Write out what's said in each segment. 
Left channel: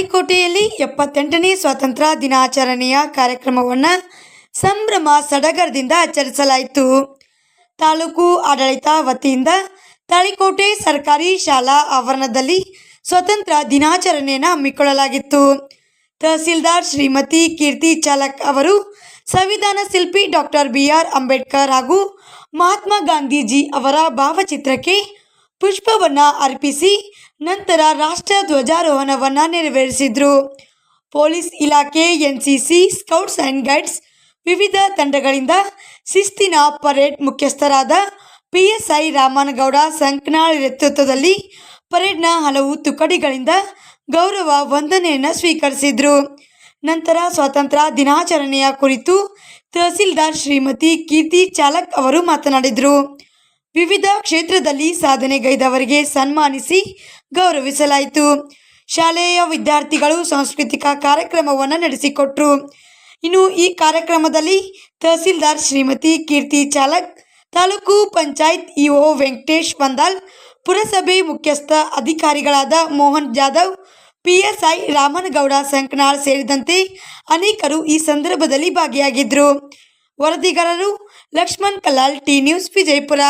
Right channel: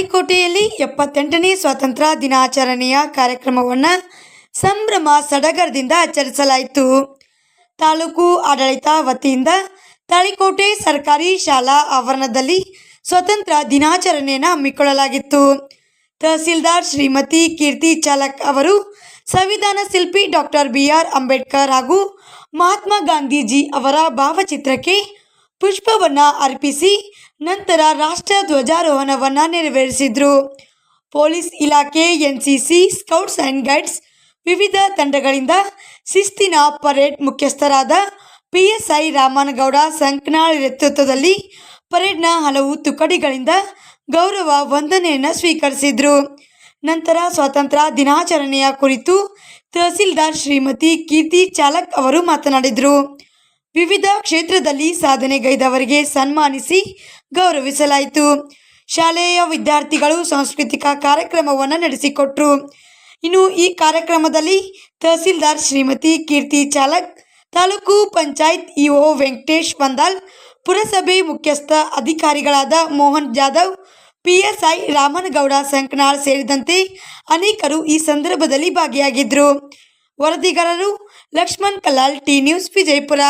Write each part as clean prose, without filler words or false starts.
ತಾಳಿಕೋಟೆಯಲ್ಲಿ 78ನೇ ಸ್ವಾತಂತ್ರ್ಯ ದಿನಾಚರಣೆಯ ಕಾರ್ಯಕ್ರಮವನ್ನು ಸಂಭ್ರಮ ಸಡಗರದಿಂದ ಆಚರಿಸಲಾಯಿತು. ತಾಲೂಕು ಆಡಳಿತ ವತಿಯಿಂದ ತಾಳಿಕೋಟೆ ಸರ್ಕಾರಿ ಶಾಲಾ ಆವರಣದಲ್ಲಿ ಸ್ವಾತಂತ್ರ್ಯ ದಿನಾಚರಣೆಯನ್ನು ಹಮ್ಮಿಕೊಳ್ಳಲಾಗಿತ್ತು. ತಹಸೀಲ್ದಾರ್ ಶ್ರೀಮತಿ ಕೀರ್ತಿ ಚಾಲಕ್ ಅವರು ಸಂವಿಧಾನ ಶಿಲ್ಪಿ ಡಾಕ್ಟರ್ BR ಅಂಬೇಡ್ಕರ್ ಹಾಗೂ ಮಹಾತ್ಮ ಗಾಂಧೀಜಿ ಅವರ ಭಾವಚಿತ್ರಕ್ಕೆ ಪುಷ್ಪವನ್ನು ಅರ್ಪಿಸಿ ನಂತರ ರಾಷ್ಟ್ರ ಧ್ವಜಾರೋಹಣವನ್ನು ನೆರವೇರಿಸಿದರು. ಪೊಲೀಸ್ ಇಲಾಖೆ, NCC, ಸ್ಕೌಟ್ಸ್ ಆ್ಯಂಡ್ ಗೈಡ್ಸ್ ವಿವಿಧ ತಂಡಗಳಿಂದ ಶಿಸ್ತಿನ ಪರೇಡ್ ಮುಖ್ಯಸ್ಥರಾದ PSI ರಾಮನಗೌಡ ಸಂಕನಾಳ್ ನೇತೃತ್ವದಲ್ಲಿ ಪರೇಡ್ನ ಹಲವು ತುಕಡಿಗಳಿಂದ ಗೌರವ ವಂದನೆಯನ್ನು ಸ್ವೀಕರಿಸಿದರು. ನಂತರ ಸ್ವಾತಂತ್ರ್ಯ ದಿನಾಚರಣೆಯ ಕುರಿತು ತಹಸೀಲ್ದಾರ್ ಶ್ರೀಮತಿ ಕೀರ್ತಿ ಚಾಲಕ್ ಅವರು ಮಾತನಾಡಿದರು. ವಿವಿಧ ಕ್ಷೇತ್ರದಲ್ಲಿ ಸಾಧನೆಗೈದವರಿಗೆ ಸನ್ಮಾನಿಸಿ ಗೌರವಿಸಲಾಯಿತು. ಶಾಲೆಯ ವಿದ್ಯಾರ್ಥಿಗಳು ಸಾಂಸ್ಕೃತಿಕ ಕಾರ್ಯಕ್ರಮವನ್ನು ನಡೆಸಿಕೊಟ್ಟರು. ಇನ್ನು ಈ ಕಾರ್ಯಕ್ರಮದಲ್ಲಿ ತಹಸೀಲ್ದಾರ್ ಶ್ರೀಮತಿ ಕೀರ್ತಿ ಚಾಲಕ್, ತಾಲೂಕು ಪಂಚಾಯತ್ EO ವೆಂಕಟೇಶ್ ಬಂದಾಲ್, ಪುರಸಭೆ ಮುಖ್ಯಸ್ಥ ಅಧಿಕಾರಿಗಳಾದ ಮೋಹನ್ ಜಾಧವ್, PSI ರಾಮನಗೌಡ ಸಂಕನಾಳ್ ಸೇರಿದಂತೆ ಅನೇಕರು ಈ ಸಂದರ್ಭದಲ್ಲಿ ಭಾಗಿಯಾಗಿದ್ದರು. ವರದಿಗಾರರು Lakshman Kallal, T news, Vijayapura.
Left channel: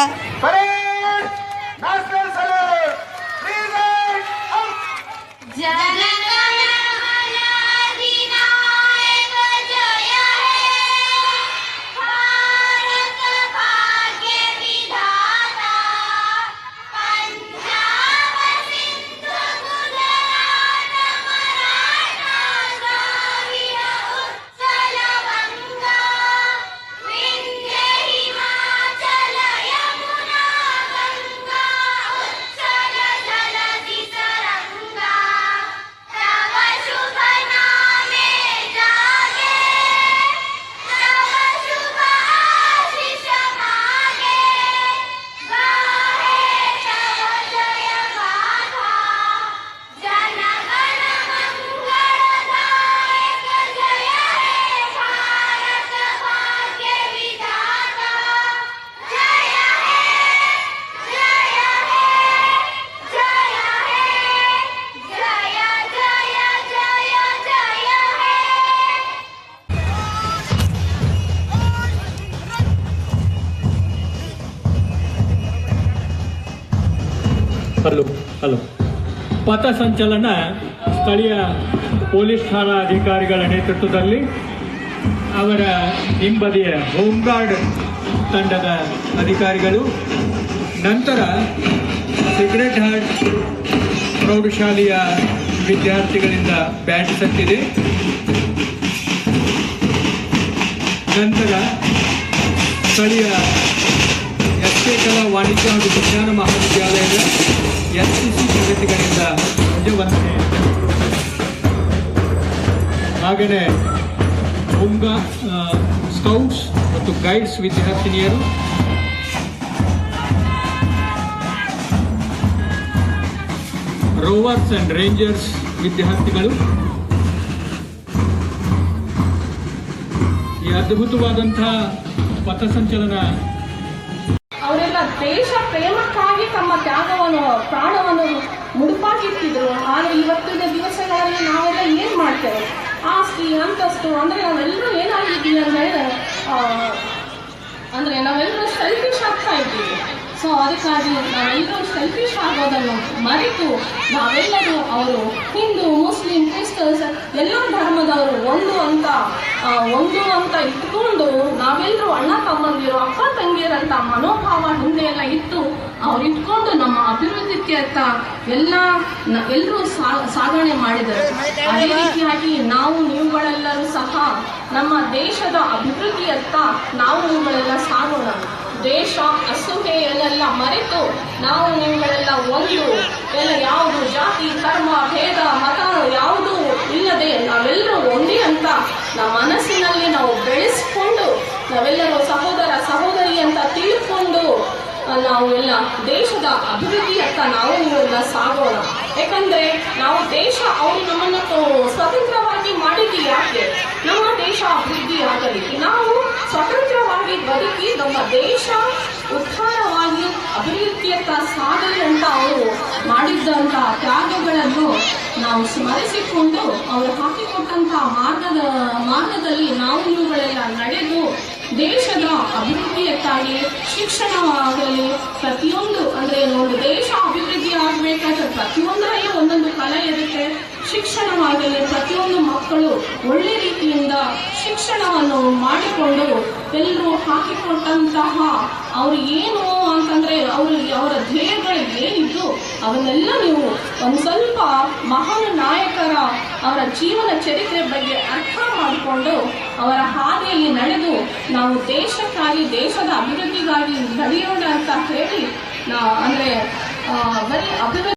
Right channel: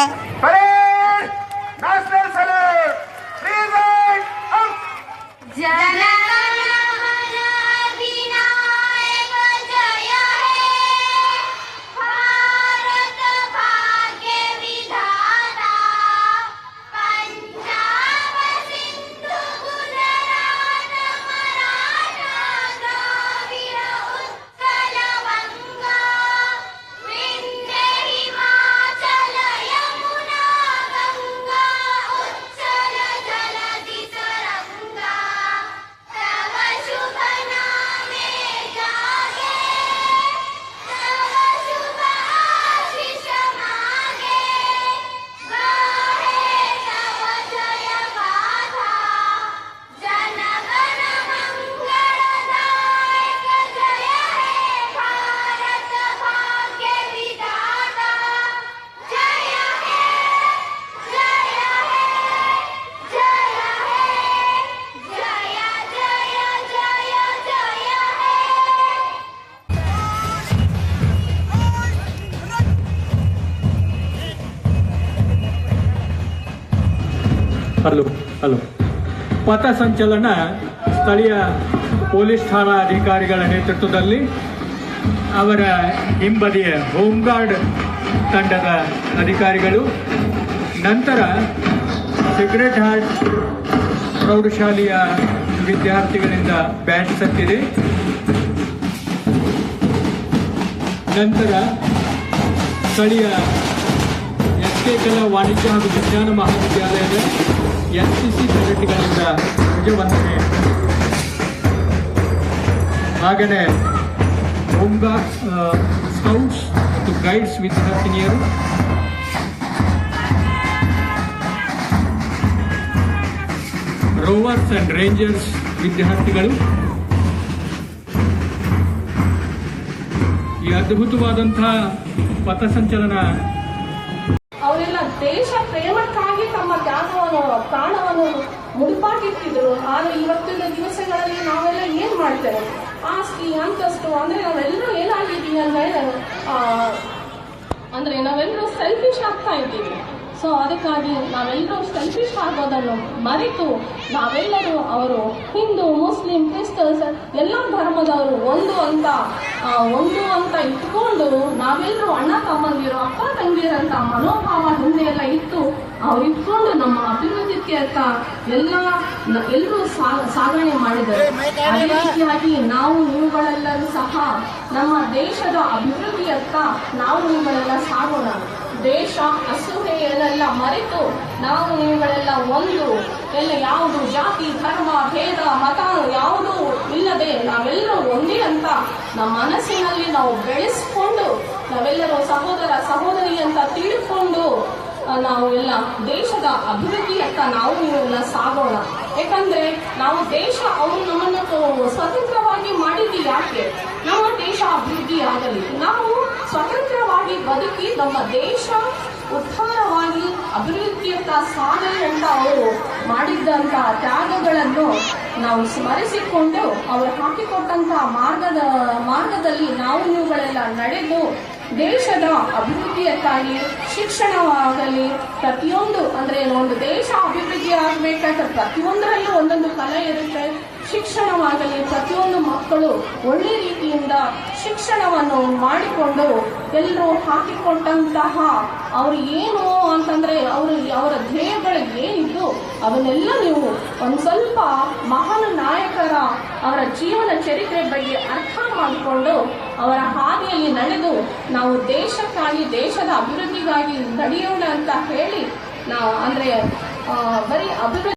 Hello ಪಥಸಂಚಲನ ಸ್ಥಳೀಯ ಪೊಲೀಸ್ ಠಾಣಾ ಅಧಿಕಾರಿಗಳ ನೇತೃತ್ವದಲ್ಲಿ ಅವರ ಹಿಂಬದಿಯ ಹೋಮ್ಗಾರ್ಡ್ ತಂಡದ ಅಧಿಕಾರಿಗಳು, ನಂತರ ಸಿಗರೆಟ್ ಹಾರ್ಟ್ ಪ್ರೌಢಶಾಲೆಯ ವಿದ್ಯಾರ್ಥಿಗಳಿಂದ ಬ್ಯಾಂಡ್ ಸತ್ತಿದೆ, ನಂತರ ಸ್ಥಳೀಯ ಕಲಾ ವಾಣಿಜ್ಯ ಹಾಗೂ ವಿಜ್ಞಾನ ಮಹಾವಿದ್ಯಾಲಯದ NCC ವಿದ್ಯಾರ್ಥಿಗಳಿಂದ ವಂದನೆ, ಹಾಗೆಯೇ ಹೋಮ್ಗಾರ್ಡ್, ಸ್ಕೌಟ್ಸ್ ಮತ್ತು ಗೈಡ್ಸ್ ವಿದ್ಯಾರ್ಥಿನಿಯರು, ರೋವರ್ಸ್ ಅಂಡ್ ರೇಂಜರ್ಸ್ ವಿದ್ಯಾರ್ಥಿಗಳು ಈ ಅದ್ಭುತವಾದಂತಹ ಪಥಸಂಚಲನ ಅವರೆಲ್ಲ ದೇಶ ಪ್ರೇಮಕ್ಕಾಗಿ ತಮ್ಮ ತ್ಯಾಗವನ್ನು, ಪ್ರಾಣವನ್ನು ಮುಡುಪಾಗಿಟ್ಟಿದ್ರು. ಆದರೆ ಇವತ್ತಿನ ದಿವಸಗಳಲ್ಲಿ ನಾವೆಲ್ಲ ಏನು ಮಾಡ್ತೇವೆ? ಆಸ್ತಿ, ಅಂತಸ್ತು, ಅಂದರೆ ನಾವೆಲ್ಲರೂ ಏನಾಗಿದ್ದೀವಿ ಅಂದರೆ ನಾವೆಲ್ಲರೂ ಸೆಲ್ಫಿಶ್ ಆಗ್ತಾ ಇದ್ದೀವಿ. ಸೊ ಅದಕ್ಕಾಗಿ ನಾವೆಲ್ಲರೂ ಸೆಲ್ಫಿಶ್ ಆಗೋದನ್ನು ಮರೆತು ನಾವೆಲ್ಲರೂ ಅವರು ಹಿಂದೂ, ಮುಸ್ಲಿಂ, ಕ್ರಿಸ್ತನ್ಸ್ ಎಲ್ಲ ಧರ್ಮದವರು ಒಂದು ಅಂತ ಇಟ್ಕೊಂಡು ನಾವೆಲ್ಲರೂ ಅಣ್ಣ ತಮ್ಮಂದಿರು, ಅಪ್ಪ ತಂಗಿಯರಂತ ಮನೋಭಾವ ಹಿಂದೆ ಎಲ್ಲ ಇಟ್ಟು ಅವ್ರು ಇಟ್ಕೊಂಡು ನಮ್ಮ ಅಭಿವೃದ್ಧಿಗೆ ಎಲ್ಲರೂ ಸಾಧನೆ ಮಾಡಿದರು. ಅದೇ ರೀತಿಯಾಗಿ ನಾವು ನೀವುಗಳೆಲ್ಲರೂ ಸಹ ನಮ್ಮ ದೇಶದ ಅಭಿವೃದ್ಧಿಯತ್ತ ನಾವು ನೀವುಗಳೆಲ್ಲ ಸಾಗೋಣ. ದೇಶ ಅಸೂಯೆಯನ್ನೆಲ್ಲ ಮರೆತು ನಾವು ನೀವುಗಳೆಲ್ಲ ಒಂದು, ಎಲ್ಲ ಯಾವುದು ಜಾತಿ, ಧರ್ಮ, ಭೇದ, ಮತ ಯಾವುದೂ ಇಲ್ಲದೆ ನಾವೆಲ್ಲರೂ ಒಂದೇ ಅಂತ ನಮ್ಮ ಮನಸ್ಸಿನಲ್ಲಿ ನಾವು ಬೆಳೆಸ್ಕೊಂಡು ನಾವೆಲ್ಲರೂ ಸಹೋದರ ಸಹೋದರಿ ಅಂತ ತಿಳ್ಕೊಂಡು ನಾವು ಎಲ್ಲ ದೇಶದ ಅಭಿವೃದ್ಧಿಯತ್ತ ನಾವು ಎಲ್ಲ ಸಾಗೋಣ. ಯಾಕಂದ್ರೆ ನಾವು ದೇಶ ಅವರು ನಮ್ಮನ್ನು ಸ್ವತಂತ್ರವಾಗಿ ಮಾಡಿದ್ದು ಯಾಕೆ? ನಮ್ಮ ದೇಶ ಅಭಿವೃದ್ಧಿ ಆಗಲಿ, ನಾವು ಸ್ವತಂತ್ರವಾಗಿ ಬದುಕಿ ನಮ್ಮ ದೇಶ ಉತ್ಥಾನವಾಗಿ ಅಭಿವೃದ್ಧಿಯತ್ತ ಸಾಗಲಿ ಅಂತ ಅವರು ಮಾಡಿದ್ದಂಥ ತ್ಯಾಗಗಳನ್ನು ನಾವು ಸ್ಮರಿಸಿಕೊಂಡು ಅವರು ಹಾಕಿಕೊಟ್ಟಂತಹ ಮಾರ್ಗದಲ್ಲಿ ನಾವು ನೀವುಗಳೆಲ್ಲ ನಡೆದು ದೇಶದ ಅಭಿವೃದ್ಧಿಯಕ್ಕಾಗಿ ಶಿಕ್ಷಣವಾಗಲಿ ಪ್ರತಿಯೊಂದು ಅಂದರೆ ಒಂದು ದೇಶ ಅಭಿವೃದ್ಧಿ ಆಗಬೇಕಾದ್ರೆ ಪ್ರತಿಯೊಂದರಲ್ಲೂ ಒಂದೊಂದು ಕಲೆ ಇರುತ್ತೆ. ಶಿಕ್ಷಣವಾಗಲಿ ಪ್ರತಿಯೊಂದು ಮಕ್ಕಳು ಒಳ್ಳೆ ರೀತಿಯಿಂದ ಶಿಕ್ಷಣವನ್ನು ಮಾಡಿಕೊಂಡು ಎಲ್ಲರೂ ಹಾಕಿಕೊಟ್ಟಂತಹ ಅವರು ಏನು ಅಂತಂದರೆ ಅವರ ಧ್ಯೇಯಗಳು ಏನಿದ್ದು ಅವನ್ನೆಲ್ಲ ನೀವು ಒಂದು ಸ್ವಲ್ಪ ಮಹಾನ್ ನಾಯಕರ ಅವರ ಜೀವನ ಚರಿತ್ರೆ ಬಗ್ಗೆ ಅರ್ಥ ಮಾಡಿಕೊಂಡು ಅವರ ಹಾದಿಯಲ್ಲಿ ನಡೆದು ನಾವು ದೇಶಕ್ಕಾಗಿ ದೇಶದ ಅಭಿವೃದ್ಧಿಗಾಗಿ ನಡೆಯೋಣ ಅಂತ ಹೇಳಿ ಅಂದರೆ ಬರೀ ಅಭಿವೃದ್ಧಿ